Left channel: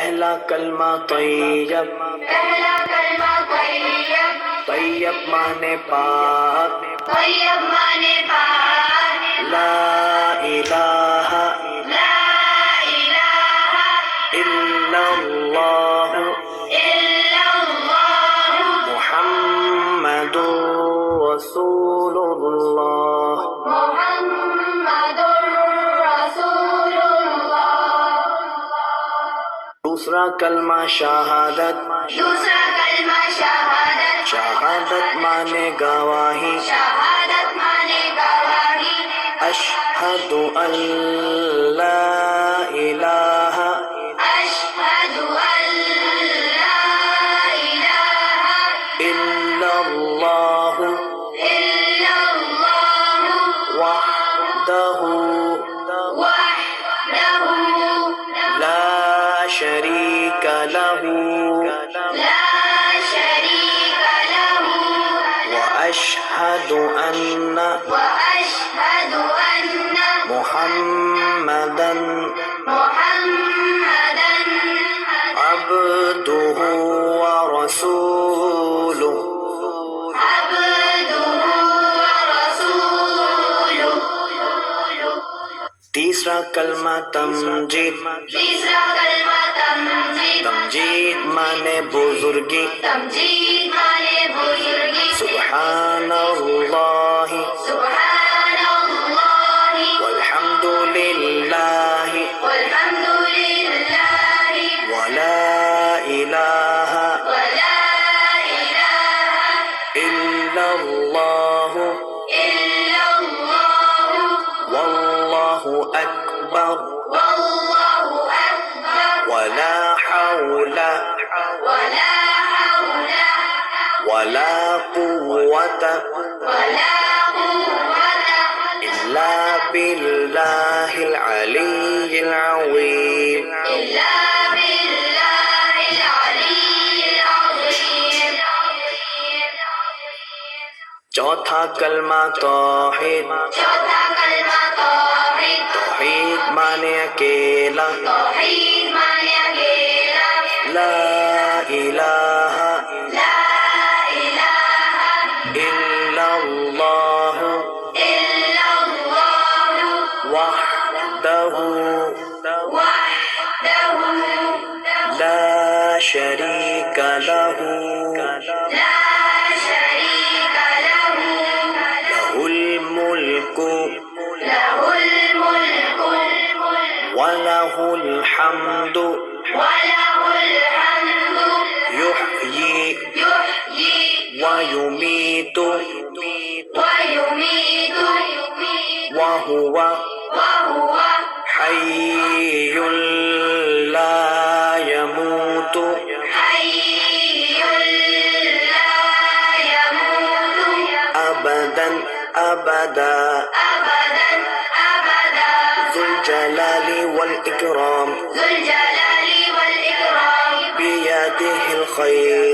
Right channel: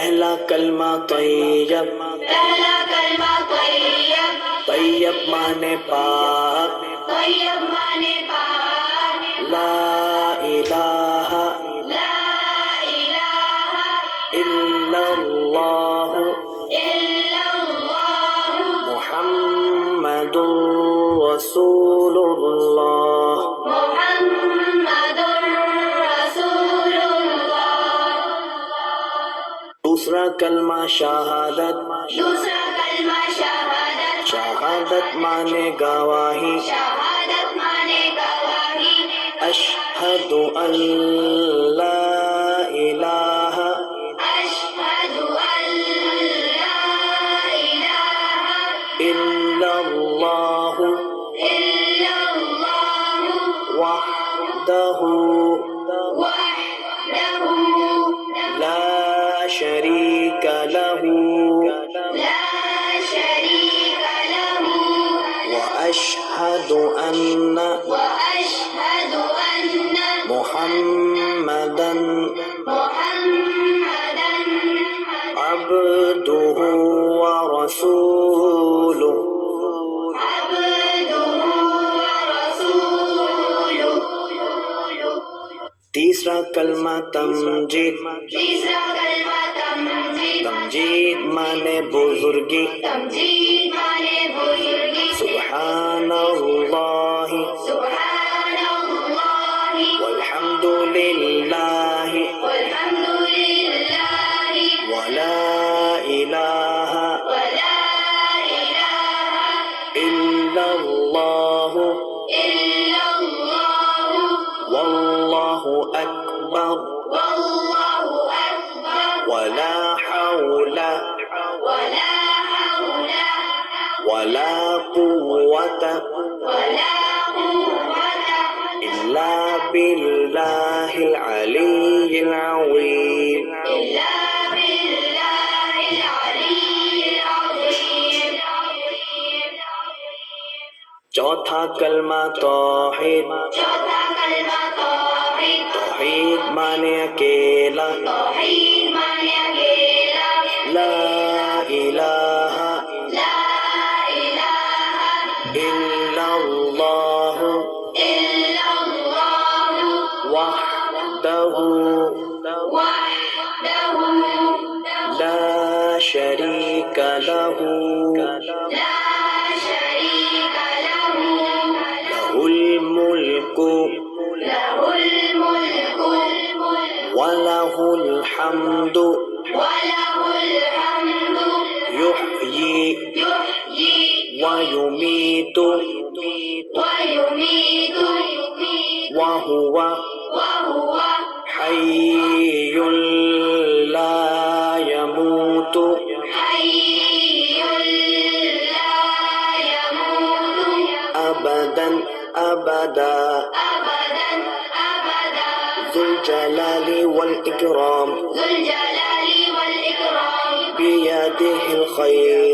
पहला कलमा तैयब, पहला कलमा तैयब, तैयब माने पाक, तैयब माने पाक, ला इलाहा ला इलाहा इल्लल्लाह इल्लल्लाह मुहम्मदुर रसूलुल्लाह। मुहम्मदुर रसूलुल्लाह। दूसरा कलमा शहादत, दूसरा कलमा शहादत, शहादत माने गवाही, शहादत माने गवाही, अशहदु अल्ला इलाहा अशहदु अल्ला इलाहा इल्लल्लाह इल्लल्लाह वहदहु वहदहु ला शरीका लहू ला शरीक लहु व अशहदु अन्ना وأشهد أن मुहम्मदन محمدا अब्दुहु व रसूलुहु। عبده ورسوله। तीसरा कलमा तमजीद, तीसरा कलमा तमजीद, तमजीद माने बुजुर्गी, तमजीद माने बुजुर्गी, सुब्हानल्लाह सुब्हानल्लाह वल्हम्दुलिल्लाह वल्हम्दुलिल्लाह वला इलाहा वला इलाहा इल्लल्लाह इल्लल्लाह वल्लाहु अकबर वल्लाहु अकबर वला हौला वला हौला वला कुव्वता वला कुव्वता इल्ला बिल्लाहिल अलिय्यिल अज़ीम। इल्ला बिल्लाहिल अलिय्यिल अज़ीम। चौथा कलमा तौहीद, चौथा कलमा तौहीद, तौहीद माने अकेला, तौहीद माने अकेला, ला इलाहा ला इलाहा इल्लल्लाह इल्लल्लाह वहदहु वहदहु ला शरीका लहू ला शरीक लहु लहुल मुल्कु लहुल मुल्कु वलहुल हम्दु वलहुल हम्दु युहयी युहयी वयुमीतु वयुमीतु वहुवा वहुव हय्युल ला यमूतु हय्युल ला यमूतु अबदन अबदा अबदन अबदा ज़ुल जलाली वल इकराम ذو الجلال والإكرام बियदिहिल खैर